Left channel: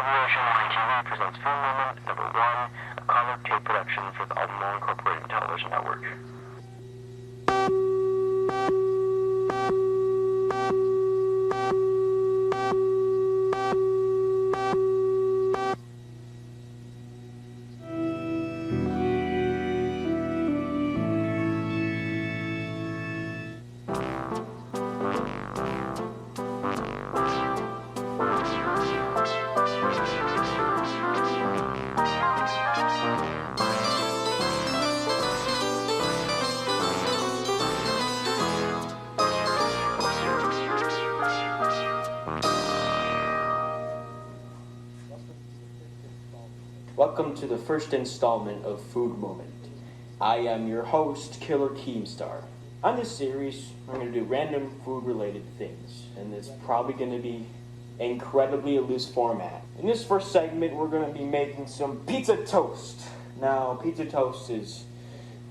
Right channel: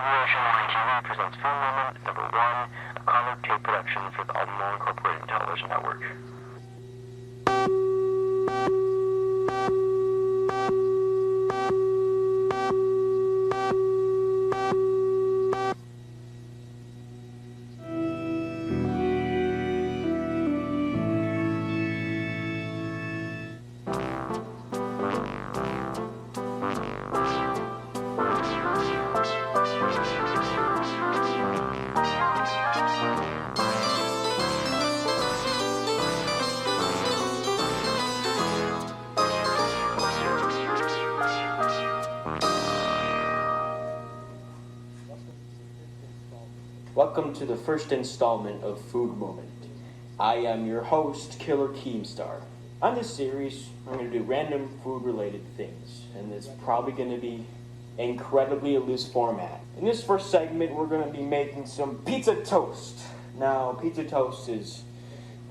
TV presents Film Moment #1, a comic tape production for the Alden Moeller Incorporated Television Network. Welcome to the first installment of Food Moment. I am your host, Killer Keemstar. On this series, we're going to do random food-related things, and it's probably going to be incredibly a loose format. In this first segment, we're going to be making some pizza toast. Now, pizza toast is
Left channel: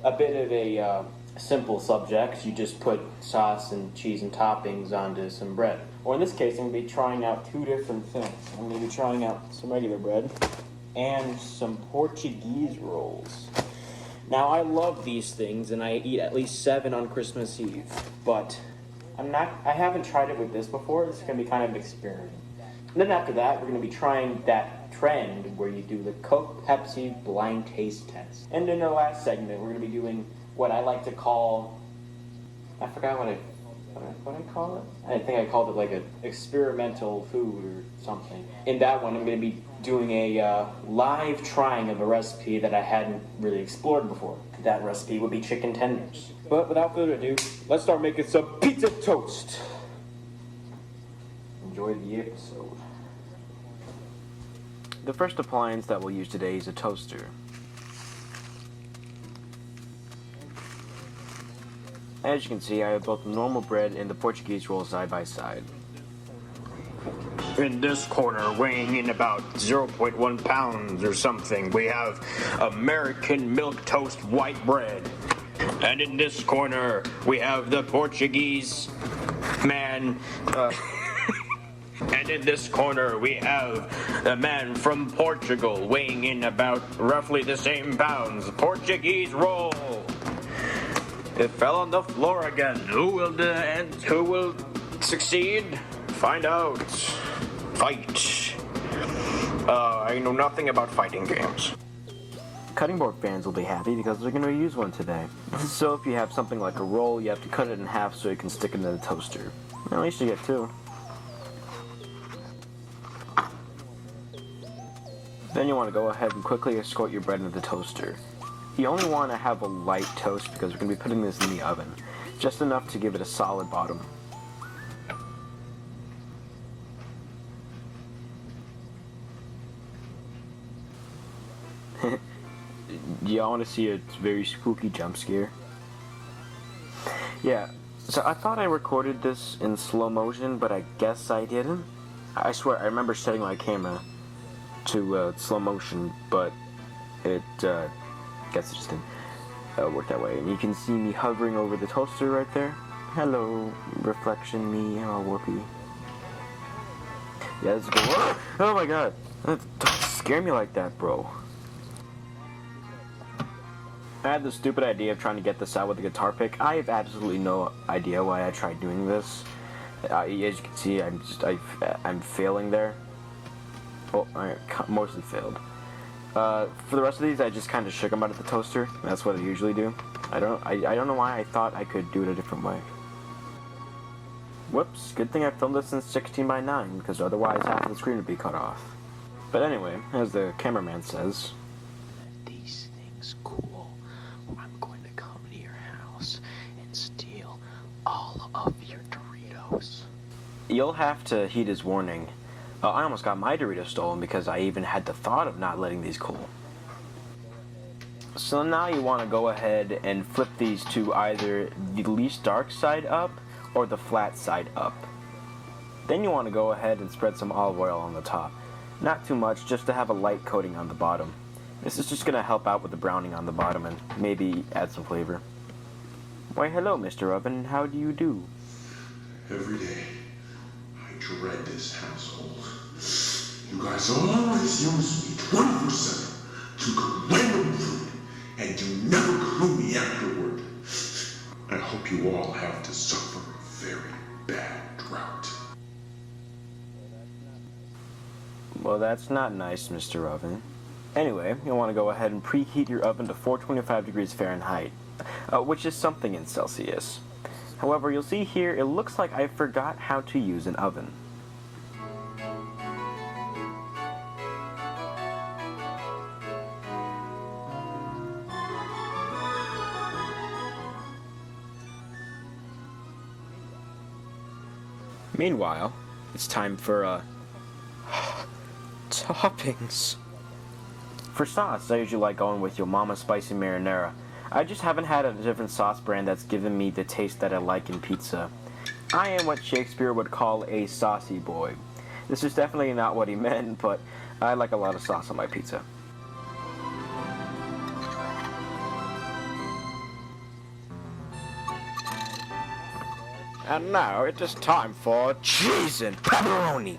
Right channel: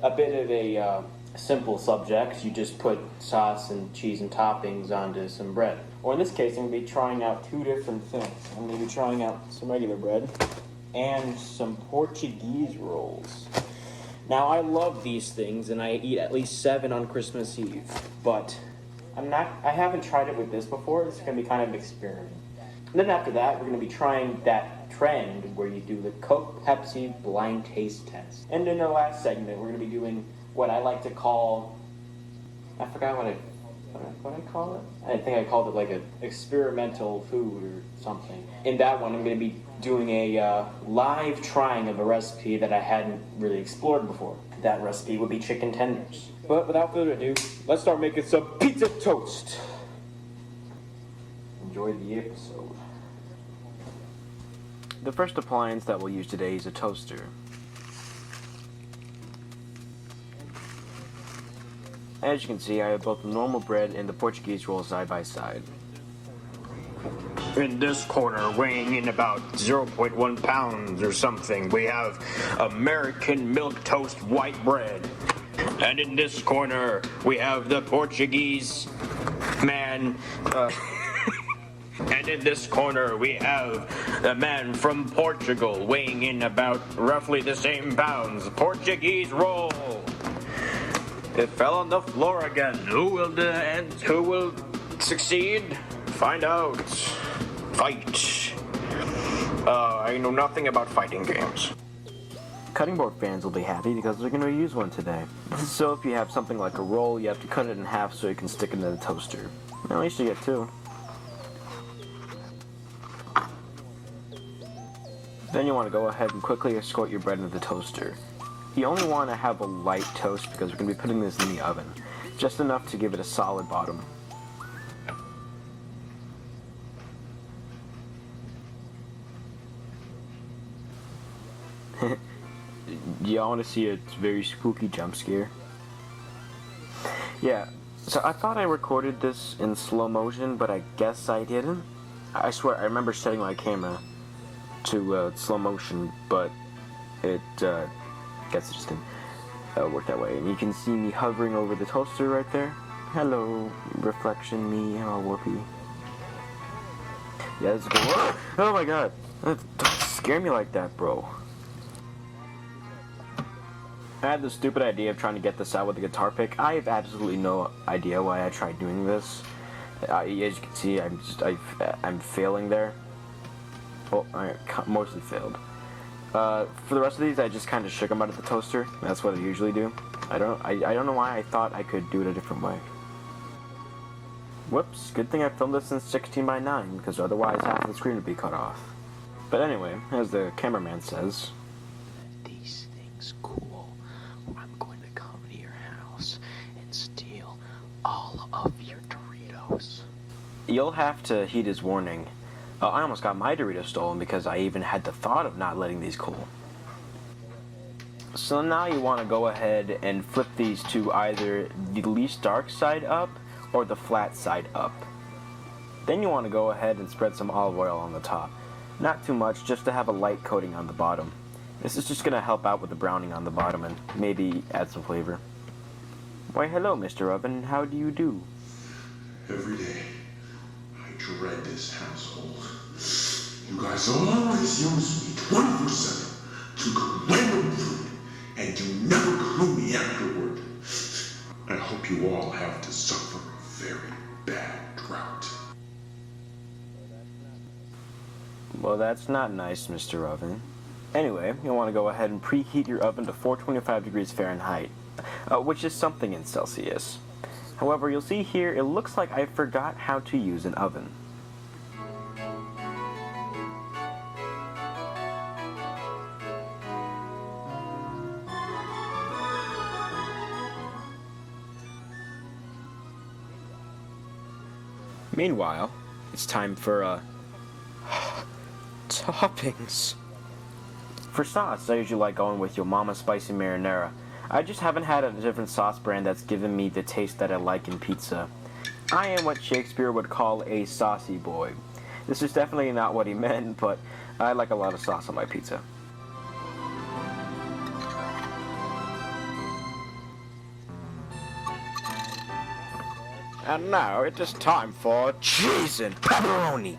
a bit of a simple subject. You just put sauce and cheese and toppings onto some bread. Or in this case, I'm going to be trying out two different things. I'm going to be trying out some regular bread and some Portuguese rolls. Now, I love these things, and I eat at least 7 on Christmas Eve, but I haven't tried it with this before. It's going to be kind of an experiment. And then after that, we're going to be trying that trend where you do the Coke Pepsi blind taste test. And in the last segment, we're going to be doing what I like to call, I forgot what I call it? I think I called it like an experimental food or something. In that one, I'm going to be doing a live trying of a recipe that I hadn't really explored before. That recipe would be chicken tenders. But without further ado, let's start making some pizza toast. Enjoy the episode. The first appliance that we'll use today is a toaster. As you can see, I have both the normal bread and the Portuguese roll side by side. In this corner, weighing in about 0.1 pounds or something, we have American milk toast white bread. And in this corner, we have the Portuguese man. And in this corner, we have a man from Portugal weighing in about roughly the same pounds. Portuguese roll. It fell on the floor again. Who will succeed? Find out. Fight. I know nothing about fighting games. Cutting board fans will be happy because they're going to use one today. So if you have something like a roll, you have to cut it in half so you can stick it in the toaster. At least you get 2. Then you want to go ahead and quickly escort your bread into the toaster. You only want to have a light toast because we're going to be putting this in the oven. Just enough to give it a solid bottom. Y'all want to see a very spooky jump scare? Yeah, so I thought I recorded this in slow motion, but I guess I didn't. I swear, I remember setting my camera to slow motion, but it, guess it just didn't work that way. You can see me hovering over the toaster right there. Hello, reflection me, oh whoopee. Yeah, this is good work. Oh my god, don't scare me like that, bro. I had the stupid idea of trying to get this out with a guitar pick. I have absolutely no idea why I tried doing this. As you can see, I'm failing there. Oh, I mostly failed. For the rest of these, I just kind of shook them out of the toaster. That's what I usually do. I don't know why I thought I could do it a different way. Whoops, good thing I filmed this in 16:9, because otherwise half the screen would be cut off. But anyway, as the cameraman says, these things cool. I'm going to come to your house and steal all of your Doritos. You'll have to heed his warning. I almost got my Doritos stolen because I even had the thought of not letting these cool. So now you want to go ahead and flip these to either the least dark side up or the flat side up. Then you want to go ahead and spread some olive oil on the top. Not too much, just to have a light coating on the bottom. This is just going to help out with the browning on the bottom and maybe add some flavor. Why hello, Mr. Oven, how do you do? Every day, I dread this household. You guys always use me 24/7 to cook random food, and you never clue me afterward. I hope you all have to suffer a very bad drought. Well, that's not nice, Mr. Oven. Anyway, you'll want to go ahead and preheat your oven to 425 degrees Fahrenheit, which is something in Celsius. However, you'll see here, it looks like I forgot how to use an oven. Meanwhile, it's time for, toppings. For sauce, I usually like going with Yo Mama Spicy Marinara. I just haven't had a different sauce brand that's given me the taste that I like in pizza. I am what Shakespeare would call a saucy boy. This is definitely not what he meant, but I like a lot of sauce on my pizza. And now it is time for cheese and pepperoni.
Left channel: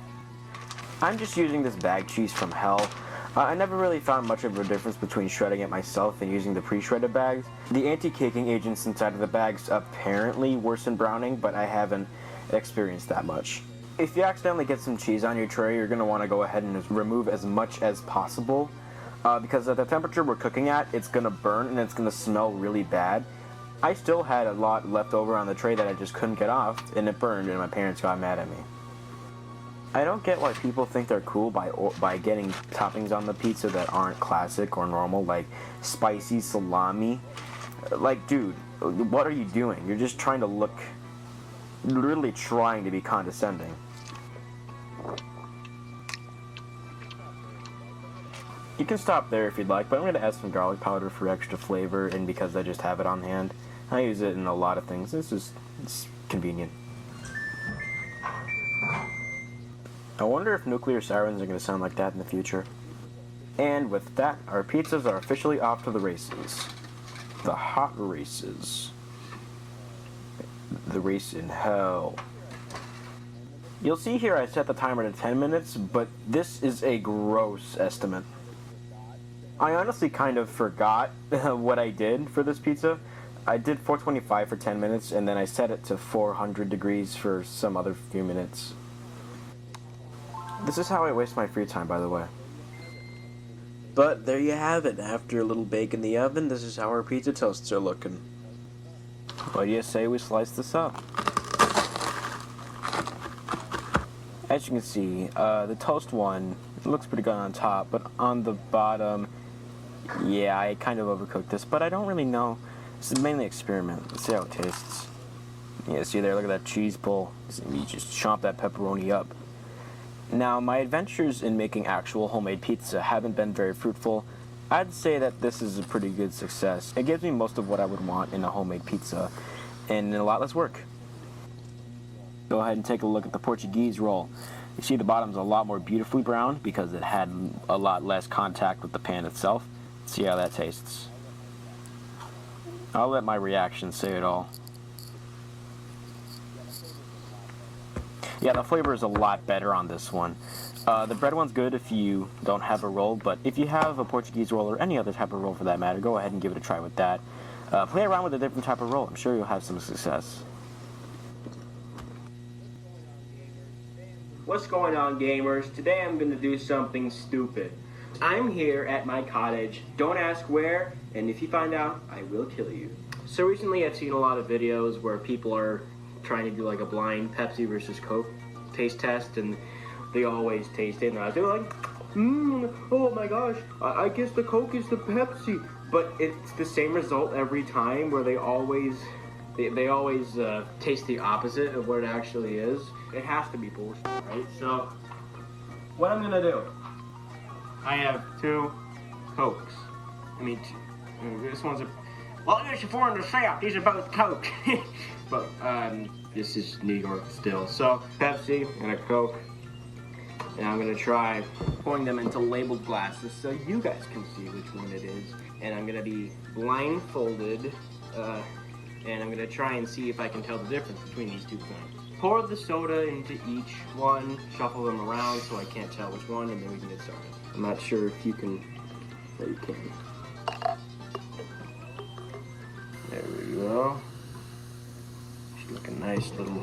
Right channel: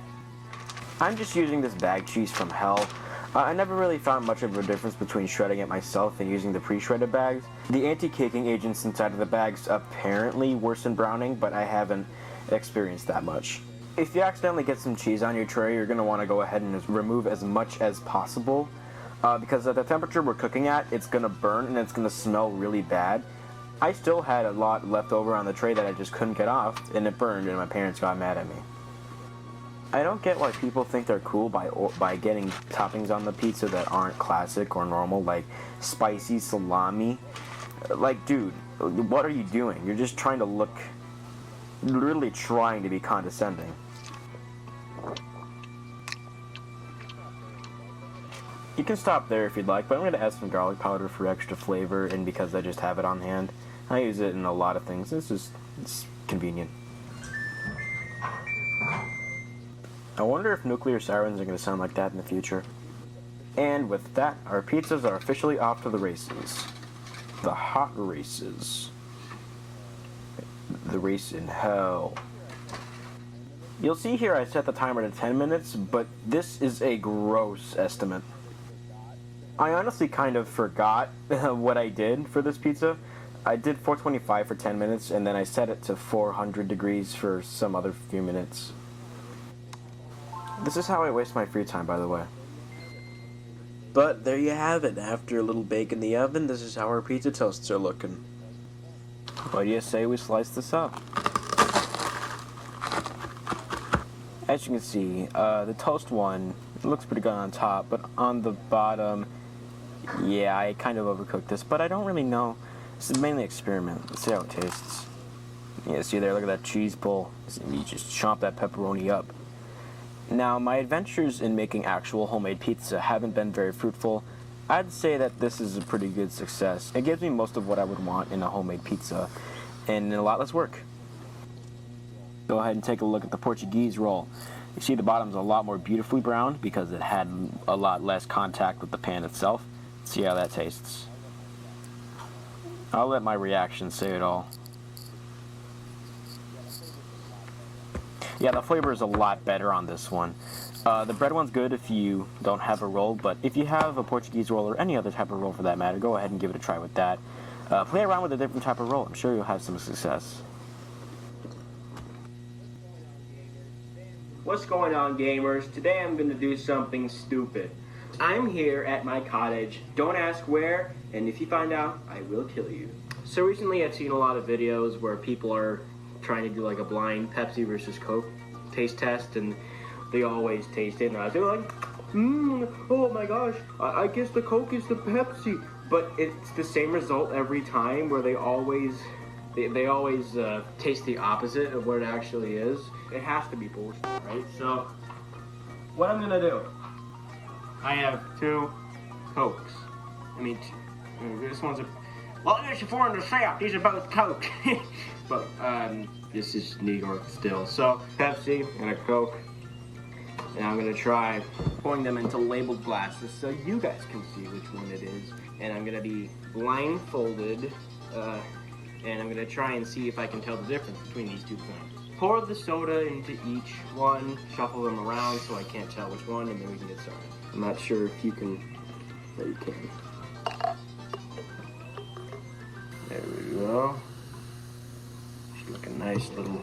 I'm just using this bag cheese from hell. I never really found much of a difference between shredding it myself and using the pre-shredded bags. The anti-caking agents inside of the bags apparently worsen browning, but I haven't experienced that much. If you accidentally get some cheese on your tray, you're going to want to go ahead and remove as much as possible, because at the temperature we're cooking at, it's going to burn and it's going to smell really bad. I still had a lot left over on the tray that I just couldn't get off, and it burned, and my parents got mad at me. I don't get why people think they're cool by getting toppings on the pizza that aren't classic or normal, like spicy salami. Like, dude, what are you doing? You're just trying to look, really trying to be condescending. You can stop there if you'd like, but I'm going to add some garlic powder for extra flavor, and because I just have it on hand. I use it in a lot of things. It's convenient. I wonder if nuclear sirens are going to sound like that in the future. And with that, our pizzas are officially off to the races. The hot races. The race in hell. You'll see here I set the timer to 10 minutes, but this is a gross estimate. I honestly kind of forgot what I did for this pizza. I did 425 for 10 minutes, and then I set it to 400 degrees for some other few minutes. This is how I waste my free time, by the way. But there you have it. After a little bake in the oven, this is how our pizza toasts are looking. What do you say we slice this up? As you can see, the toast one, it looks pretty good on top, but on the bottom, yeah, I kind of overcooked this, but I don't really know. This is mainly experiment. Let's see how it tastes. Yeah, see there, look at that cheese pull. You just chomp that pepperoni up. Now, my adventures in making actual homemade pizza haven't been very fruitful. I'd say that this is a pretty good success. It gives me most of what I would want in a homemade pizza, and a lot less work. Go ahead and take a look at the Portuguese roll. You see the bottom's a lot more beautifully browned because it had a lot less contact with the pan itself. See how that tastes. I'll let my reaction say it all. Yeah, the flavor is a lot better on this one. The bread one's good if you don't have a roll, but if you have a Portuguese roll or any other type of roll for that matter, go ahead and give it a try with that. Play around with a different type of roll. I'm sure you'll have some success. What's going on, gamers? Today I'm going to do something stupid. I'm here at my cottage. Don't ask where, and if you find out, I will kill you. So recently I've seen a lot of videos where people are trying to do like a blind Pepsi versus Coke taste test, and they always taste it, and they're like, oh my gosh, I guess the Coke is the Pepsi. But it's the same result every time, where they always taste the opposite of what it actually is. It has to be bullshit, right? So, what I'm gonna do, I have two Cokes. I mean, this one's a, well, there's your 400 south, these are both Coke. But, this is New York still. So, Pepsi and a Coke. And I'm gonna try pouring them into labeled glasses so you guys can see which one it is. And I'm gonna be blindfolded, and I'm gonna try and see if I can tell the difference between these two things. pour the soda into each one, shuffle them around so I can't tell which one, and then we can get soda. I'm not sure if you can. There you can. There we go. She's like a nice little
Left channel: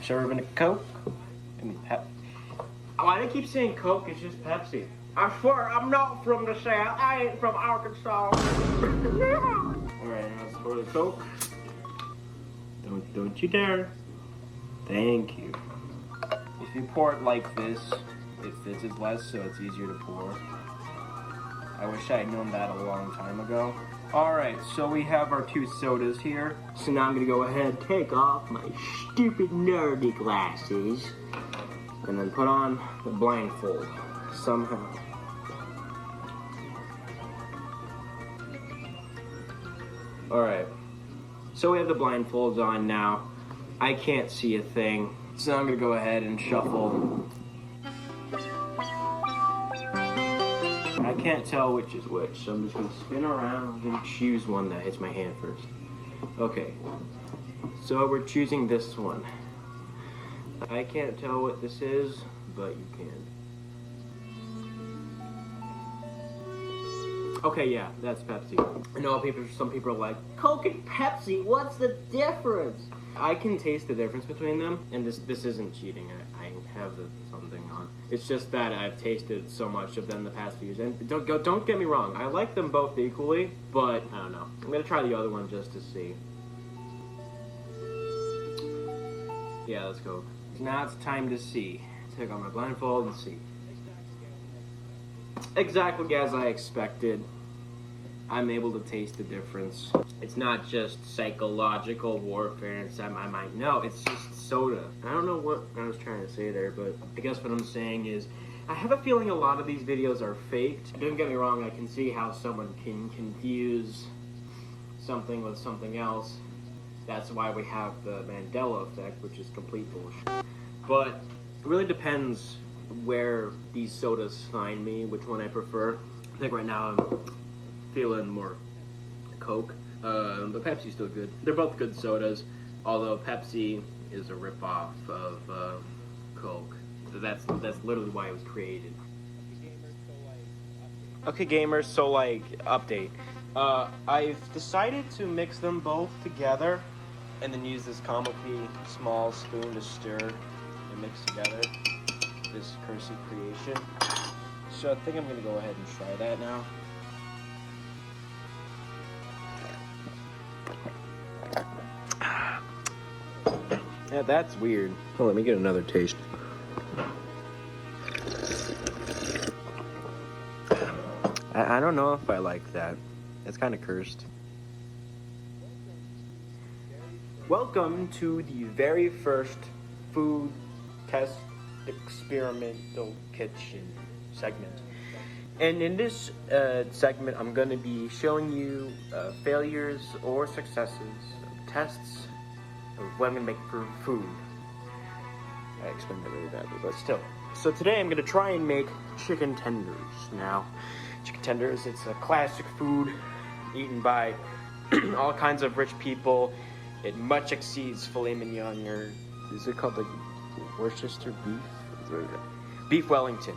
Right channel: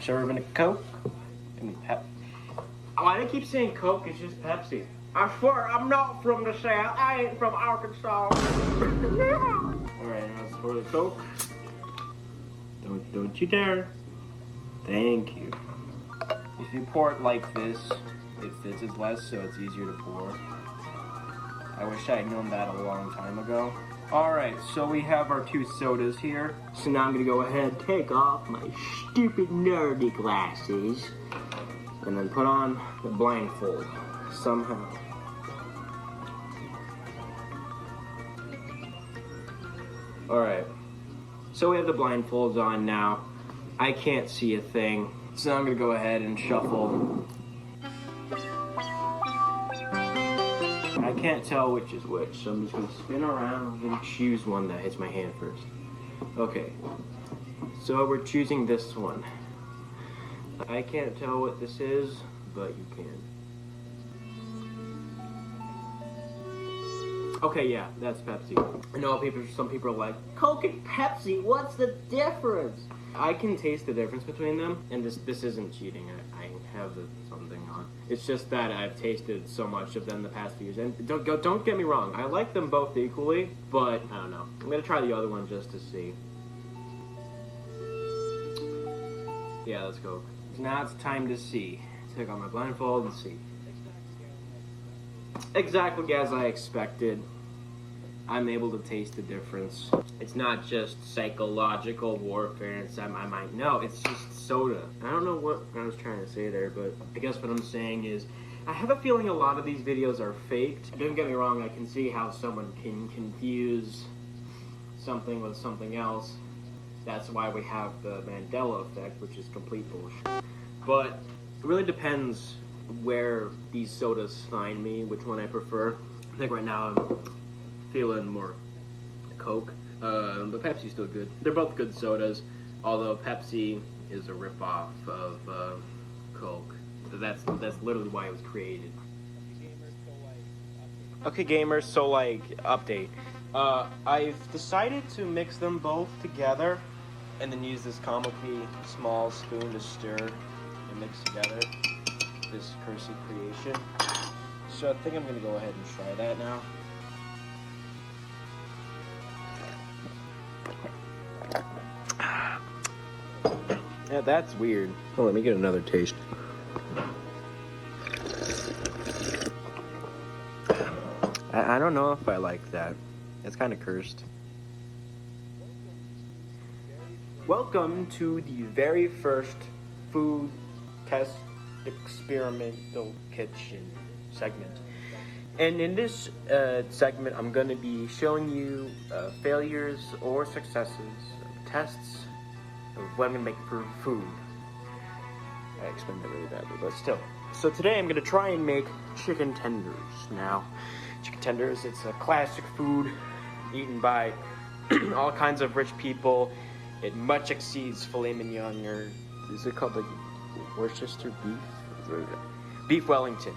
serving of Coke and Pep. Why do I keep saying Coke? It's just Pepsi. I swear I'm not from the South. I ain't from Arkansas. Alright, now let's pour the Coke. Don't you dare. Thank you. If you pour it like this, it fizzes less, so it's easier to pour. I wish I had known that a long time ago. Alright, so we have our 2 sodas here. So now I'm gonna go ahead and take off my stupid nerdy glasses and then put on the blindfold somehow. Alright, so we have the blindfolds on now. I can't see a thing, so I'm gonna go ahead and shuffle. I can't tell which is which, so I'm just gonna spin around and choose one that hits my hand first. Okay, so we're choosing this one. I can't tell what this is, but you can. Okay, yeah, that's Pepsi. I know some people are like, Coke and Pepsi, what's the difference? I can taste the difference between them, and this isn't cheating. I have something on. It's just that I've tasted so much of them the past few years. And don't get me wrong, I like them both equally, but I don't know. I'm gonna try the other one just to see. Yeah, let's go. Now it's time to see. Take on my blindfold and see. Exactly as I expected. I'm able to taste the difference. It's not just psychological warfare inside my mind. No, it's just soda. I don't know what I was trying to say there, but I guess what I'm saying is I have a feeling a lot of these videos are faked. Don't get me wrong, I can see how someone can confuse something with something else. That's why we have the Mandela effect, which is complete bullshit. But it really depends where these sodas find me, which one I prefer. I think right now I'm feeling more Coke, but Pepsi's still good. They're both good sodas, although Pepsi is a ripoff of Coke. So that's literally why it was created. Okay, gamers. So update. I've decided to mix them both together, and then use this comically small spoon to stir and mix together this cursed creation. So I think I'm gonna go ahead and try that now. Yeah, that's weird. Oh, let me get another taste. I don't know if I like that. It's kind of cursed. Welcome to the very first food test experimental kitchen segment. And in this segment, I'm going to be showing you failures or successes of tests of women making food. I explained that really badly, but still. So today I'm going to try and make chicken tenders. Now, chicken tenders, it's a classic food eaten by all kinds of rich people. It much exceeds filet mignon, or is it called the Worcester beef? Beef Wellington.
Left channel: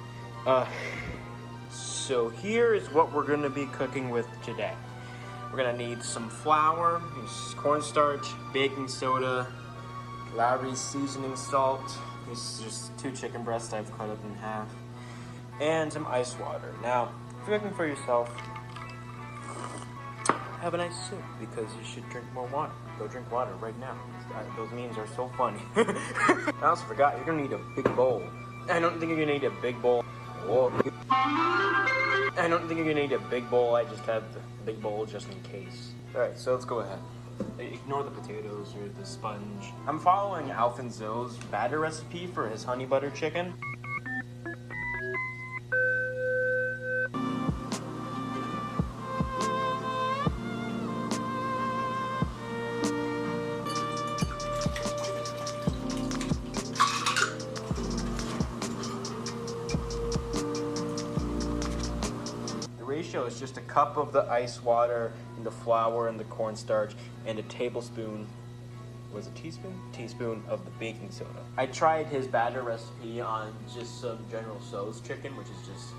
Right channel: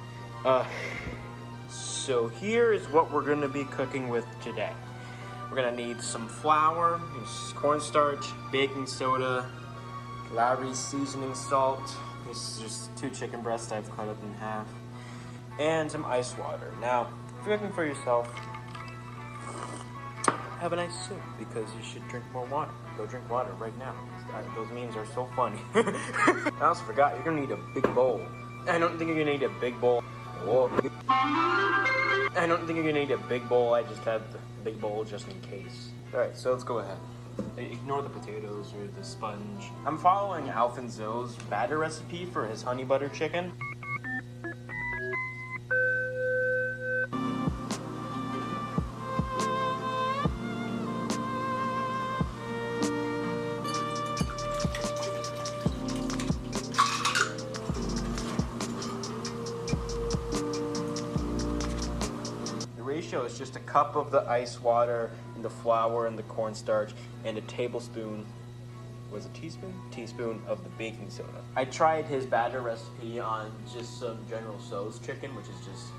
So here is what we're going to be cooking with today. We're going to need some flour, cornstarch, baking soda, Lowry's seasoning salt. This is just 2 chicken breasts I've cut up in half, and some ice water. Now, if you're looking for yourself, have a nice sip, because you should drink more water. Go drink water right now. Those memes are so funny. I also forgot, you're gonna need a big bowl. I don't think you're gonna need a big bowl. Whoa. I don't think you're gonna need a big bowl. I just have the big bowl just in case. Alright, so let's go ahead. Ignore the potatoes or the sponge. I'm following Alfonso's batter recipe for his honey butter chicken. Is just a cup of the ice water, and the flour, and the cornstarch, and a tablespoon was it teaspoon of the baking soda. I tried his batter recipe on just some General Tso's chicken, which is just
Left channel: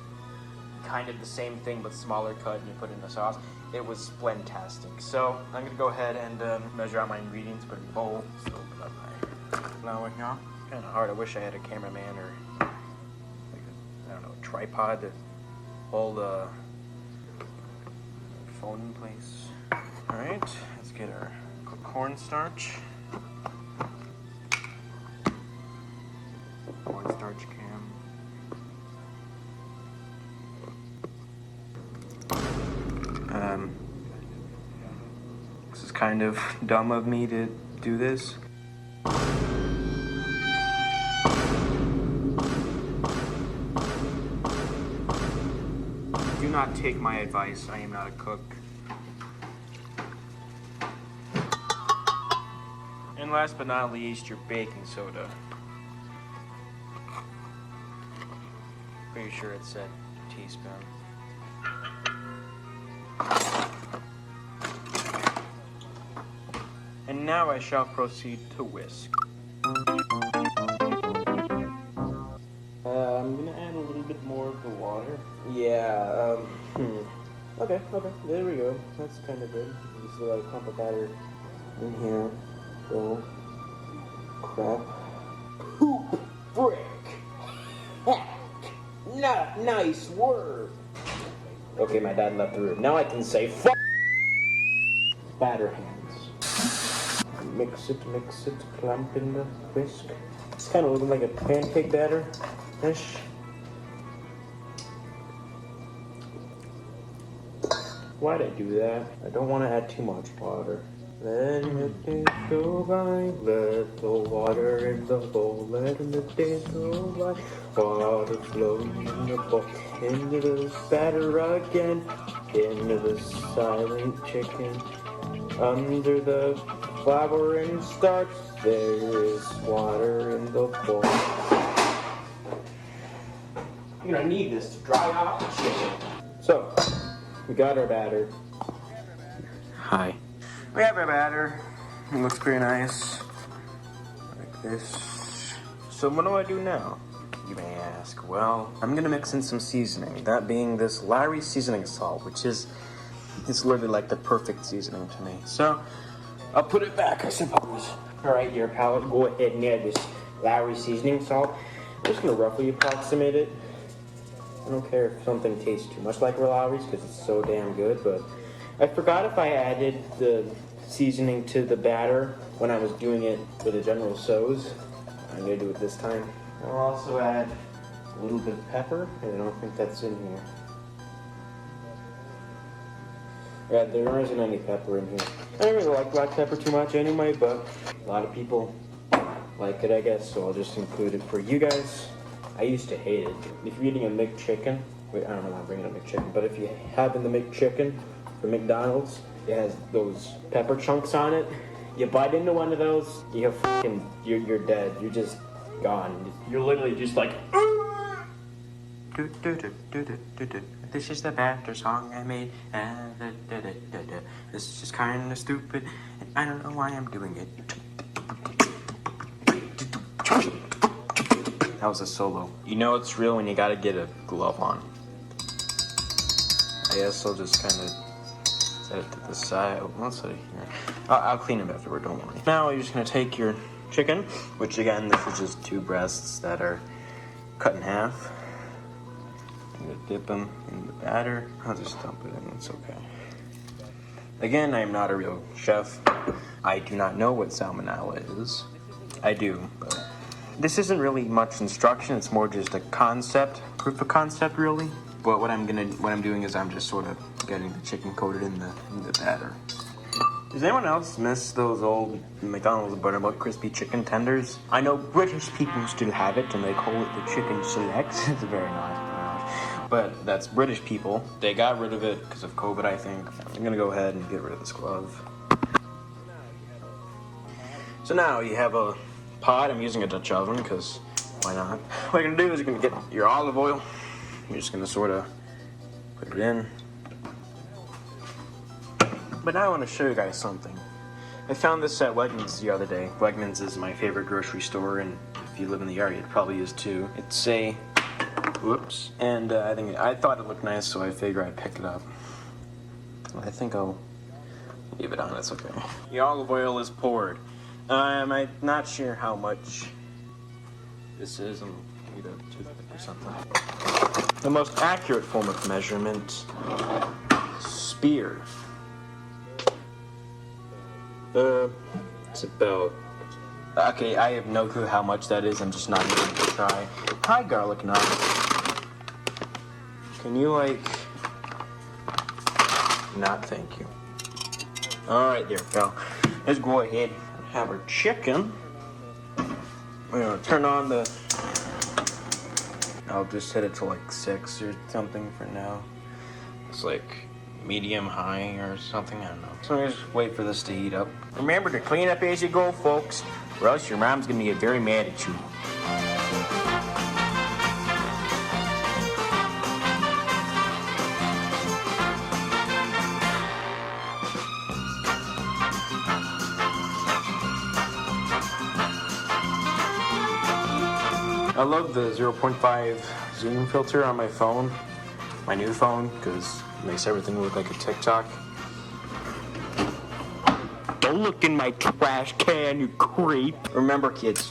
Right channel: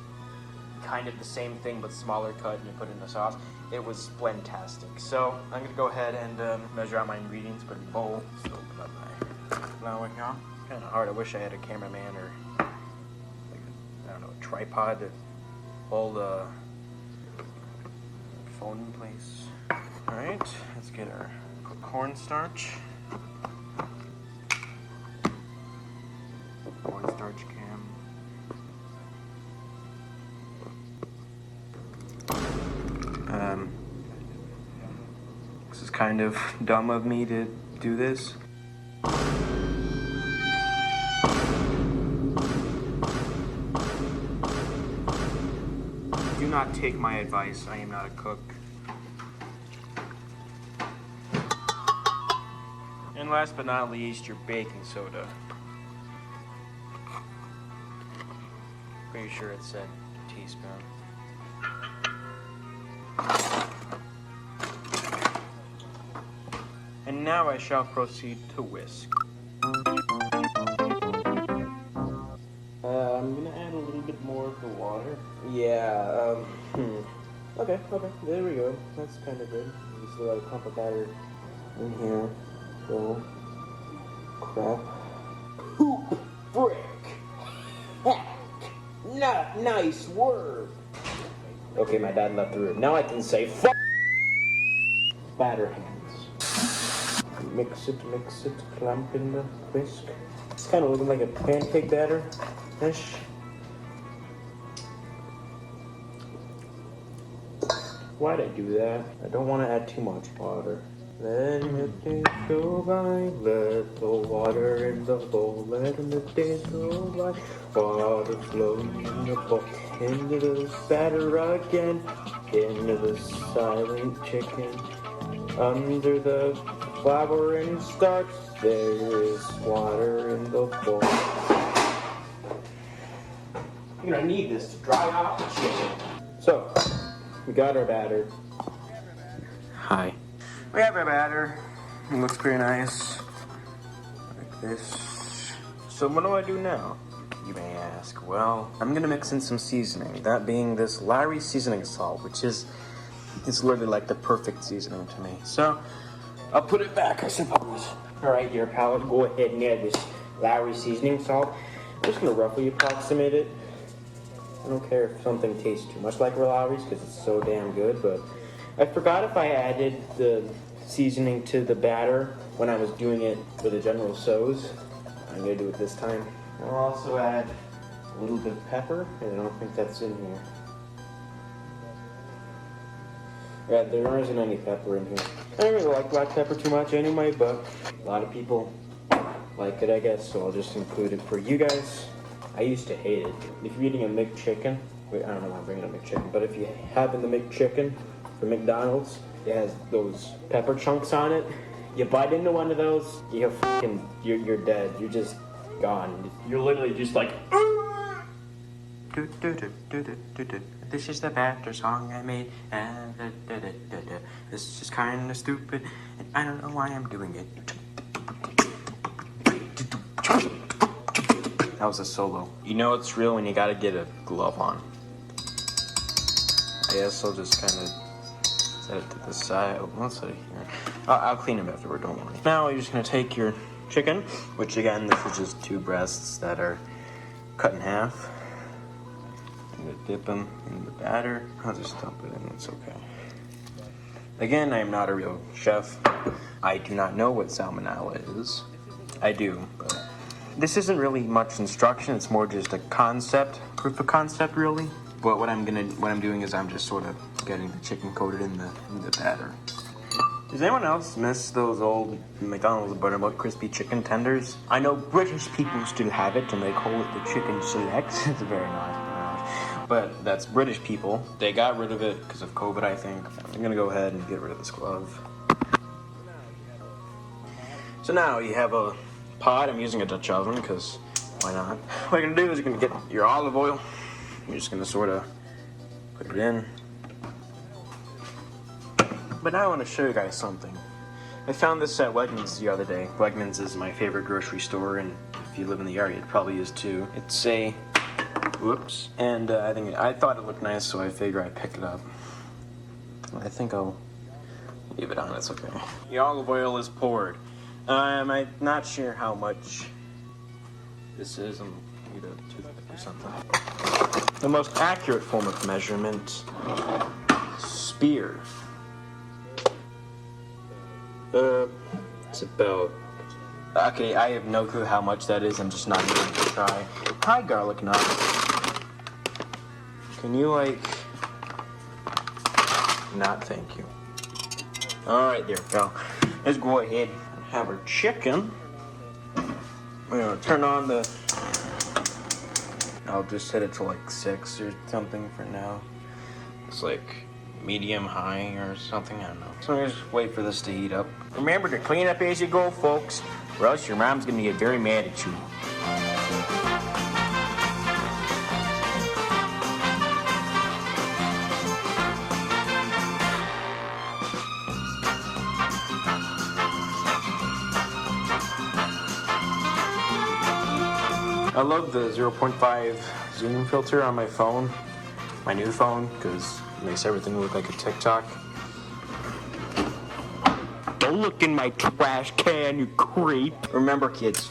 kind of the same thing but smaller cut and you put it in a sauce. It was fantastic. So I'm gonna go ahead and measure out my ingredients for the bowl. So open up my flour here. Kind of hard. I wish I had a cameraman or like, I don't know, a tripod to hold the phone in place. All right, let's get our cornstarch. Cornstarch can. This is kind of dumb of me to do this. Do not take my advice, I am not a cook. And last but not least, your baking soda. Pretty sure it said teaspoon. And now I shall proceed to whisk. I'm gonna add a little bit more of the water. Yeah, okay, there we go. That's kind of good. Just a cup of batter in here. So, crap. Poop frick! Heck! Nice work! Okay, my dad left the room. Now I can say fuck batter hands. Mix it, clump in the whisk. It's kind of looking like a pancake batter-ish. Why'd I do that? I don't want to add too much water. Letting the days go by, let the water in the bowl, letting the days go by, water flowing in the bowl, into the batter again, into the silent chicken, under the flour and starch, there is water in the bowl. You're gonna need this to dry out the chicken. So, we got our batter. Hi. We have our batter. It looks pretty nice. Like this. So what do I do now? You may ask. Well, I'm gonna mix in some seasoning. That being this Lowry seasoning salt, which is literally like the perfect seasoning to me. So I'll put it back, I suppose. Alright, here, pal, go ahead and add this Lowry seasoning salt. I'm just gonna roughly approximate it. I don't care if something tastes too much like Lowry's because it's so damn good, but I forgot if I added the seasoning to the batter when I was doing it for the General Tso's. I'm gonna do it this time. I'll also add a little bit of pepper, and I don't think that's in here. Yeah, there isn't any pepper in here. I don't really like black pepper too much anyway, but a lot of people like it, I guess, so I'll just include it for you guys. I used to hate it. If you're eating a McChicken, wait, I don't know why I'm bringing a McChicken, but if you have in the McChicken from McDonald's, it has those pepper chunks on it. You bite into one of those, you're dead. You're just gone. You're literally just like. This is the batter song I made. This is just kind of stupid, and I don't know why I'm doing it. That was a solo. You know it's real when you gotta get a glove on. I guess I'll just kind of set it to the side. Let's see. I'll clean them afterward, don't worry. Now you're just gonna take your chicken, which again, this is just 2 breasts that are cut in half. I'm gonna dip them in the batter. I'll just dump it in, it's okay. Again, I am not a real chef. I do not know what salmonella is. I do, but this isn't really much instruction. It's more just a concept, proof of concept, really. But what I'm doing is I'm just sort of getting the chicken coated in the batter. Does anyone else miss those old McDonald's buttermilk crispy chicken tenders? I know British people still have it, and they call it the chicken select. It's very nice. But that's British people. They got rid of it because of COVID, I think. I'm gonna go ahead and get rid of this glove. So now you have a pot. I'm using a Dutch oven because why not? What you're gonna do is you're gonna get your olive oil. You're just gonna sort of put it in. But now I want to show you guys something. I found this at Wegmans the other day. Wegmans is my favorite grocery store, and if you live in the area, it probably is too. It's a, whoops, and I thought it looked nice, so I figure I'd pick it up. I think I'll leave it on, it's okay. The olive oil is poured. I'm not sure how much this is. I'm need a toothpick or something. The most accurate form of measurement, spear. It's about... Okay, I have no clue how much that is. I'm just not going to try. Hi, garlic knife. Can you, like... Not thank you. Alright, there we go. Let's go ahead and have our chicken. We're going to turn on the... I'll just set it to like 6 or something for now. It's like medium high or something, I don't know. So I'm gonna just wait for this to heat up. Remember to clean up as you go, folks, or else your mom's gonna get very mad at you. I love the 0.5 zoom filter on my phone, my new phone, because it makes everything look like a TikTok. Don't look in my trash can, you creep. Remember, kids,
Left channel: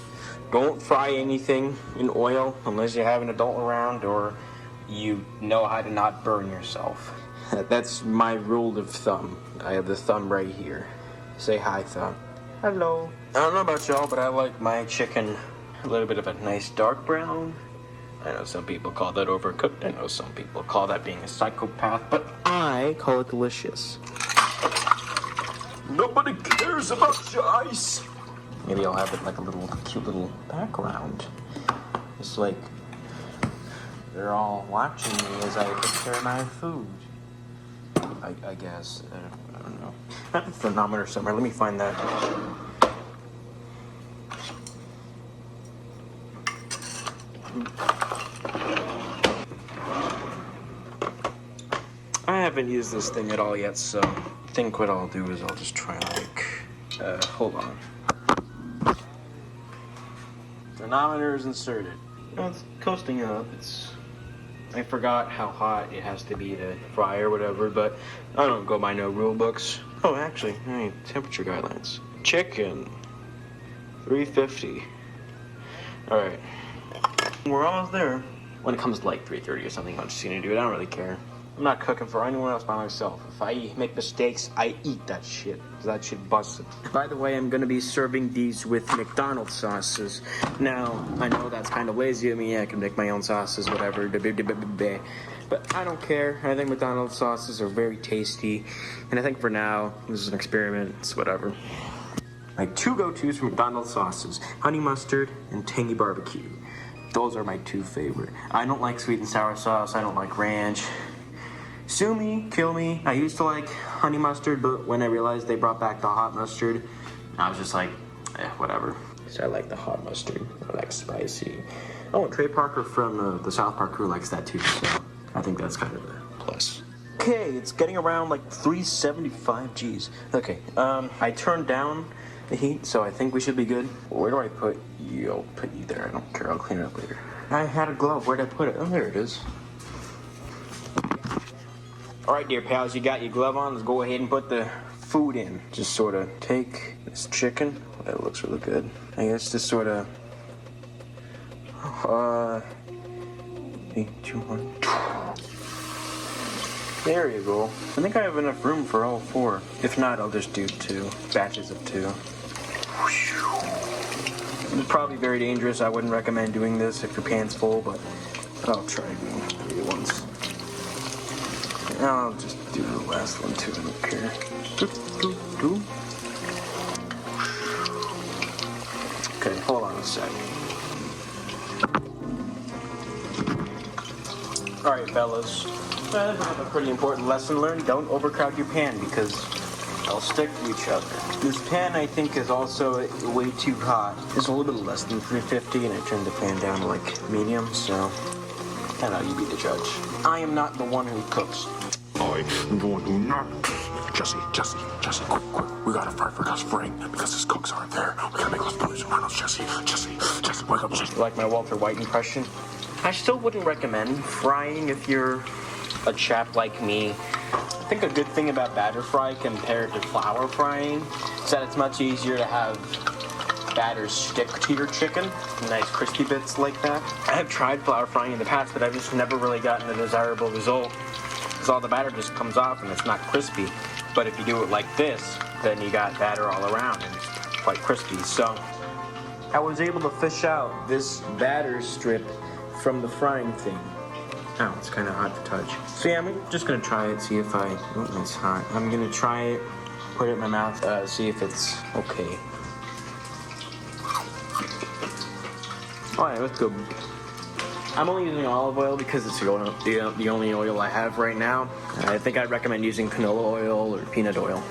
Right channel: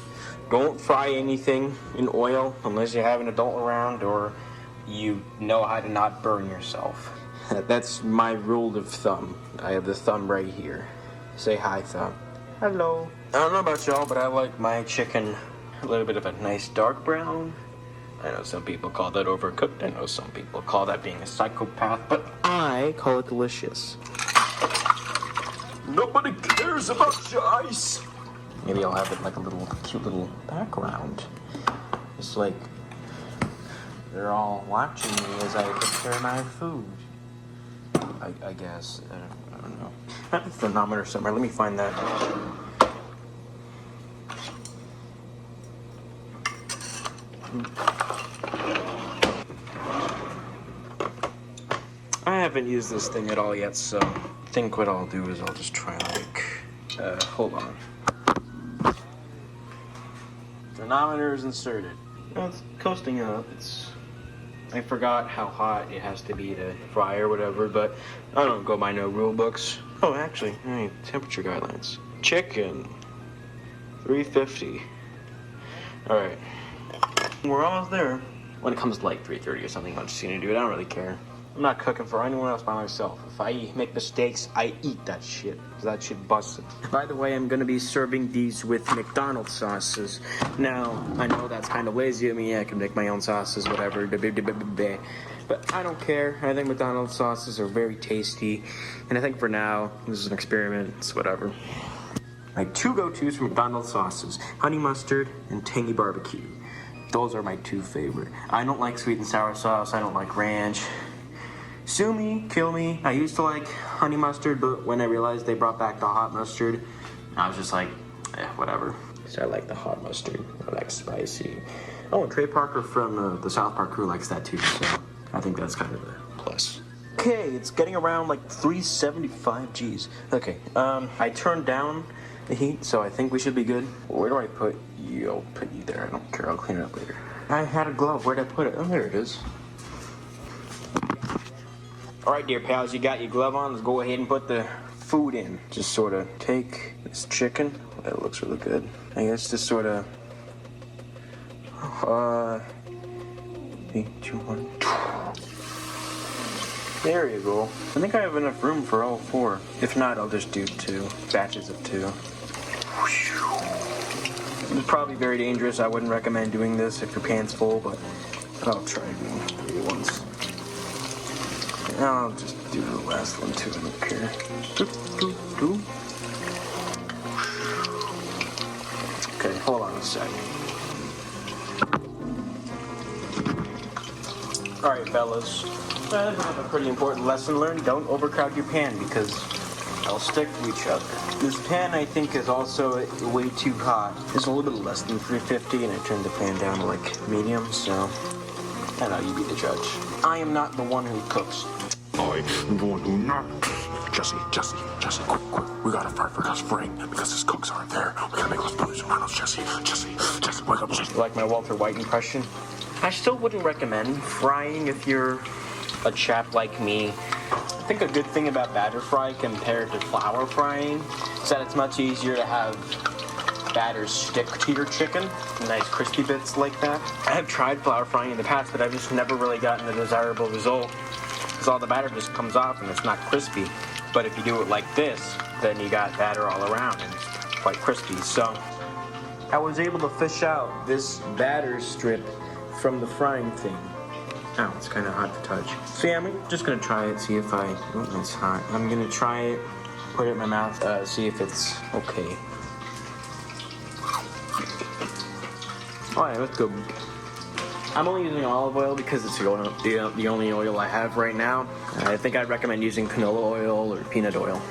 don't fry anything in oil unless you have an adult around or you know how to not burn yourself. That's my rule of thumb. I have the thumb right here. Say hi, thumb. Hello. I don't know about y'all, but I like my chicken a little bit of a nice dark brown. I know some people call that overcooked. I know some people call that being a psychopath, but I call it delicious. Nobody cares about your ice. Maybe I'll have it like a little cute little background. It's like they're all watching me as I prepare my food. I guess. I don't know. I have a thermometer somewhere. Let me find that. I haven't used this thing at all yet, so I think what I'll do is I'll just try like, hold on. Thermometer is inserted. No, it's coasting up. I forgot how hot it has to be to fry or whatever, but I don't go by no rule books. Oh, actually, hey, temperature guidelines. Chicken, 350. All right. We're almost there. When it comes to like 3:30 or something, I'm just gonna do it. I don't really care. I'm not cooking for anyone else by myself. If I make mistakes, I eat that shit. Cause that shit busted. By the way, I'm gonna be serving these with McDonald's sauces. Now, I know that's kind of lazy of me. I can make my own sauces, whatever. But I don't care. I think McDonald's sauces are very tasty. And I think for now, this is an experiment. It's whatever. My two go-tos for McDonald's sauces: honey mustard and tangy barbecue. Those are my two favorite. I don't like sweet and sour sauce. I don't like ranch. Sue me, kill me. I used to like honey mustard, but when I realized they brought back the hot mustard, I was just like, whatever. So I like the hot mustard. I like spicy. Oh, Trey Parker from the South Park crew likes that too, so I think that's kind of a plus. Okay, it's getting around like 375 G's. Okay, I turned down the heat, so I think we should be good. Where do I put you? I'll put you there. I don't care. I'll clean it up later. I had a glove. Where'd I put it? Oh, there it is. All right, dear pals, you got your glove on. Let's go ahead and put the food in. Just sort of take this chicken. That looks really good. I guess just sort of... 8, 2, 1. There you go. I think I have enough room for all 4. If not, I'll just do 2 batches of 2. It's probably very dangerous. I wouldn't recommend doing this if your pan's full, but I'll try doing it once. And I'll just do the last one too. I don't care. Okay, hold on a second. Alright, fellas. I have a pretty important lesson learned. Don't overcrowd your pan because they'll stick to each other. This pan, I think, is also way too hot. It's a little bit less than 350, and I turned the pan down to like medium, so And now you be the judge. I am not the one who cooks. I do not. Jesse, quick. We gotta fry for that spring because his cooks aren't there. We gotta make those brothers around us, Jesse, wake up, Jesse. You like my Walter White impression? I still wouldn't recommend frying if you're a chap like me. I think a good thing about batter fry compared to flour frying is that it's much easier to have batter stick to your chicken, nice crispy bits like that. I have tried flour frying in the past, but I've just never really gotten a desirable result because all the batter just comes off and it's not crispy. But if you do it like this, then you got batter all around, quite crispy. So I was able to fish out this batter strip from the frying thing. Oh, it's kind of hot to touch. So yeah, I'm just gonna try it, see if oh, it's hot. I'm gonna try it, put it in my mouth, see if it's okay. Oh yeah, that's good. I'm only using olive oil because it's the only oil I have right now. I think I'd recommend using canola oil or peanut oil.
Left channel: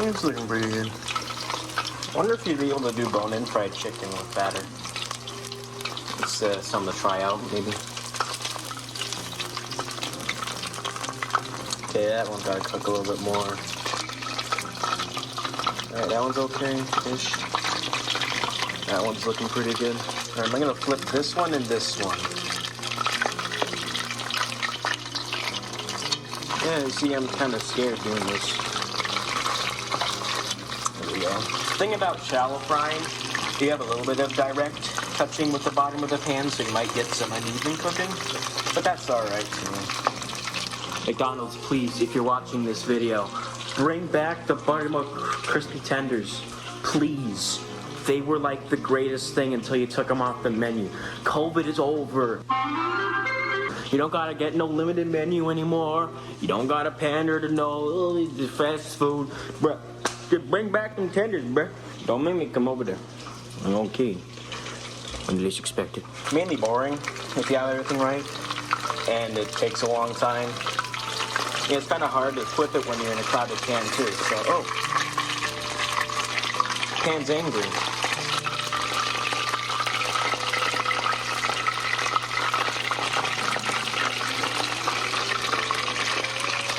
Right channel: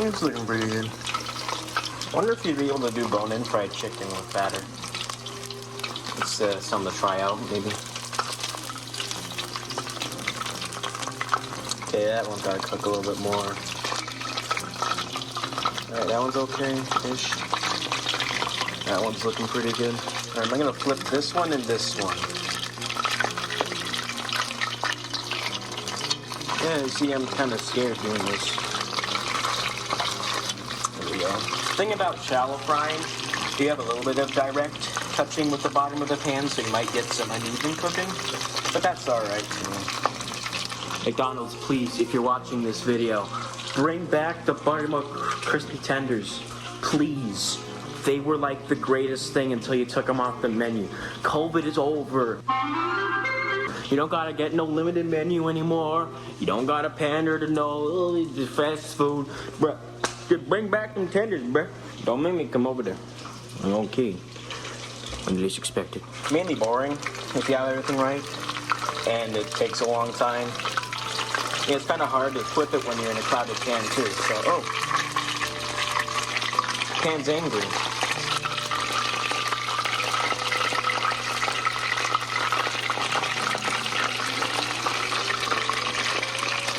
It's looking pretty good. I wonder if you'd be able to do bone-in fried chicken with batter. It's something to try out, maybe. Okay, that one's gotta cook a little bit more. Alright, that one's okay-ish. That one's looking pretty good. Alright, I'm gonna flip this one and this one. Yeah, you see, I'm kind of scared doing this. There we go. The thing about shallow frying, if you have a little bit of direct touching with the bottom of the pan, so you might get some uneven cooking, but that's alright too. McDonald's, please, if you're watching this video, bring back the buttermilk crispy tenders, please. They were like the greatest thing until you took them off the menu. COVID is over. You don't gotta get no limited menu anymore. You don't gotta pander to no fast food. Bruh, just bring back them tenders, bruh. Don't make me come over there. I'm okay. I'm least expected. Mainly boring if you have everything right, and it takes a long time. It's kind of hard to flip it when you're in a crowded can too. So, oh, pan's angry.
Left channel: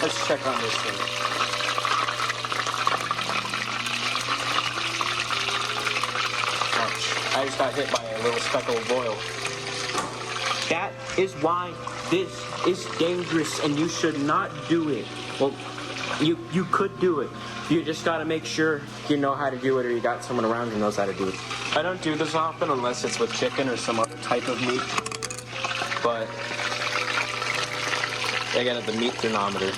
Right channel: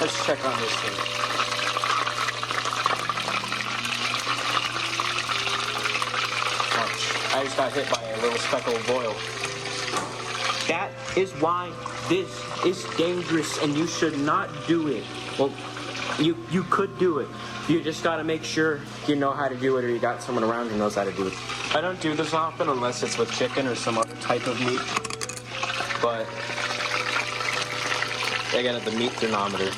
Let's check on this thing. Ouch. I just got hit by a little speck of oil. That is why this is dangerous and you should not do it. Well, you could do it. You just gotta make sure you know how to do it or you got someone around who knows how to do it. I don't do this often unless it's with chicken or some other type of meat. But I got the meat thermometer.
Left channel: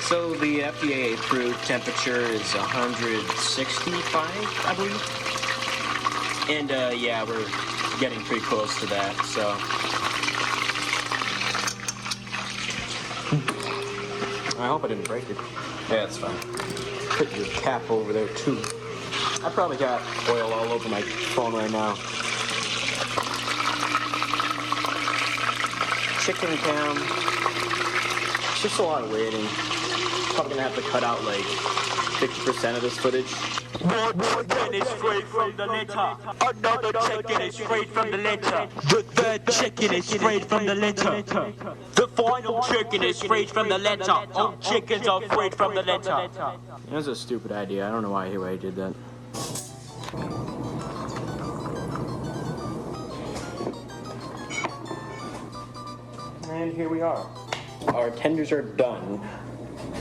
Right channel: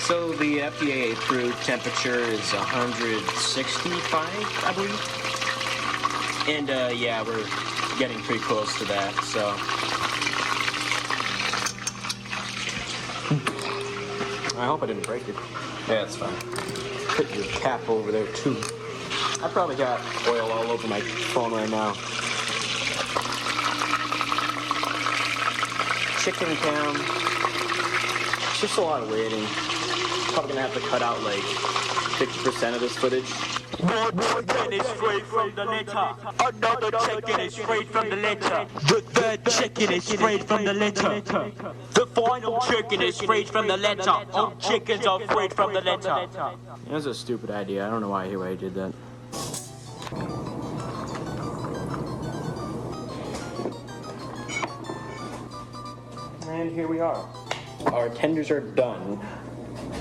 So the FDA approved temperature is 165, I believe. And yeah, we're getting pretty close to that, so. I hope I didn't break it. Yeah, that's fine. Put your cap over there too. I probably got oil all over my phone right now. Chicken down. It's just a lot of waiting. Probably gonna have to cut out like 50% of this footage. One chicken is straight from the litter. Another chicken is straight from the litter. The third chicken is straight from the litter. The final chicken is straight from the litter. All chickens are straight from the litter. That was a stupid idea. I don't know why I did that. And here we are. Our tenders are done.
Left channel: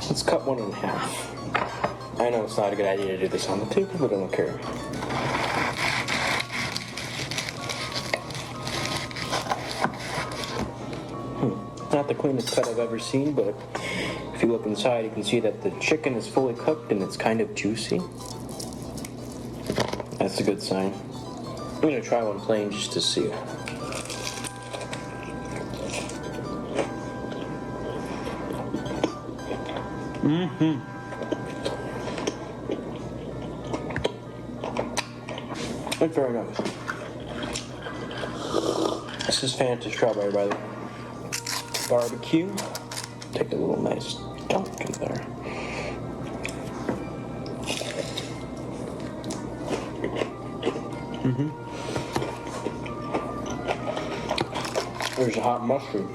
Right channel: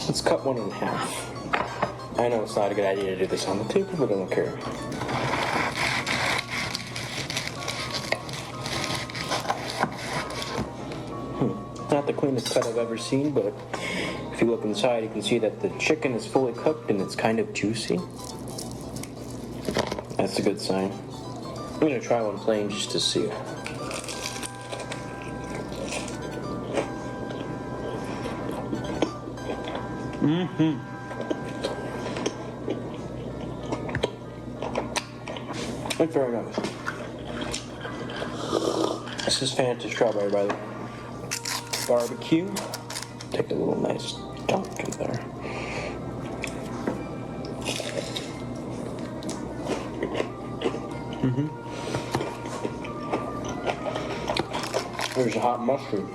Let's cut one in half. I know it's not a good idea to do this on the table, but I don't care. Not the cleanest cut I've ever seen, but if you look inside, you can see that the chicken is fully cooked and it's kind of juicy. That's a good sign. I'm gonna try one plain just to see. Mm-hmm. That's very nice. This is Fanta strawberry, brother. Barbecue. Take a little nice chunk in there. There's a hot mushroom.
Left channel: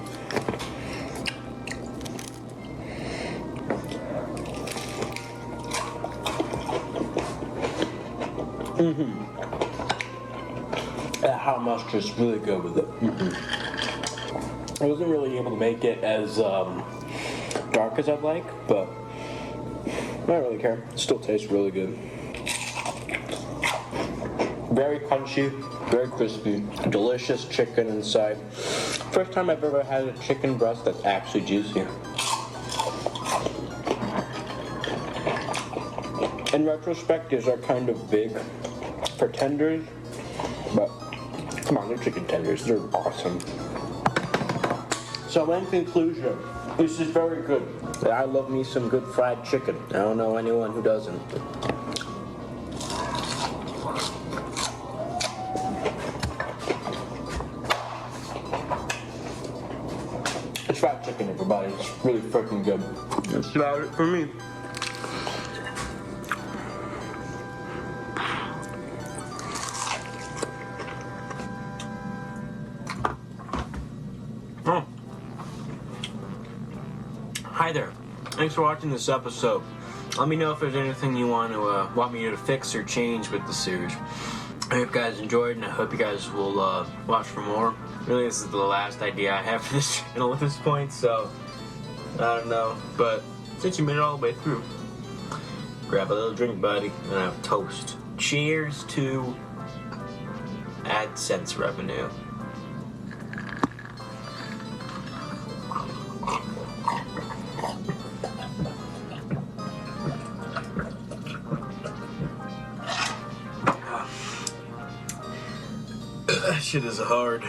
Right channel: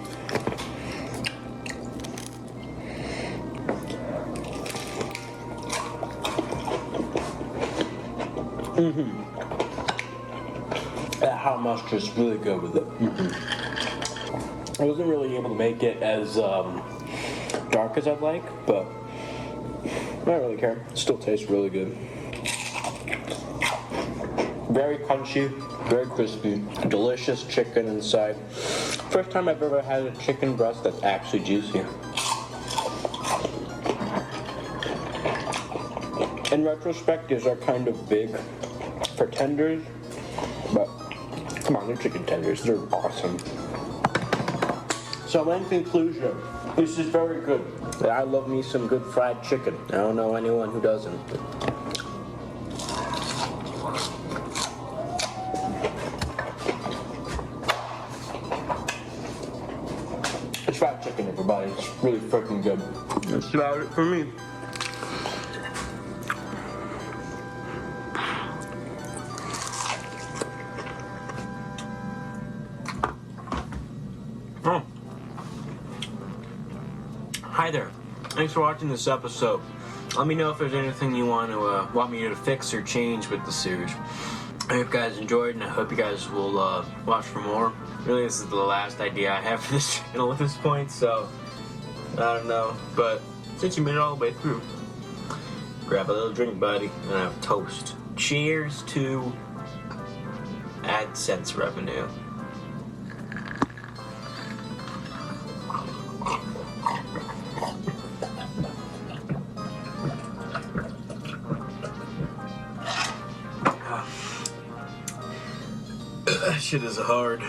That hot mustard is really good with it. I wasn't really able to make it as dark as I'd like, but I don't really care. It still tastes really good. Very crunchy, very crispy, delicious chicken inside. First time I've ever had a chicken breast that's actually juicy. In retrospect, these are kind of big for tenders, but come on, they're chicken tenders. They're awesome. So in conclusion, this is very good. I love me some good fried chicken. I don't know anyone who doesn't. It's fried chicken, everybody. It's really freaking good. That's about it for me. Hi there. Thanks for watching this episode. Let me know if there's anything you want me to fix or change with the series. I hope you guys enjoyed, and I hope you guys will watch for more. Really, this is the last idea I have for this channel at this point, so I don't know. But since you made it all the way through, grab a little drink, buddy, and have toast. Cheers to AdSense revenue. That shit is hard.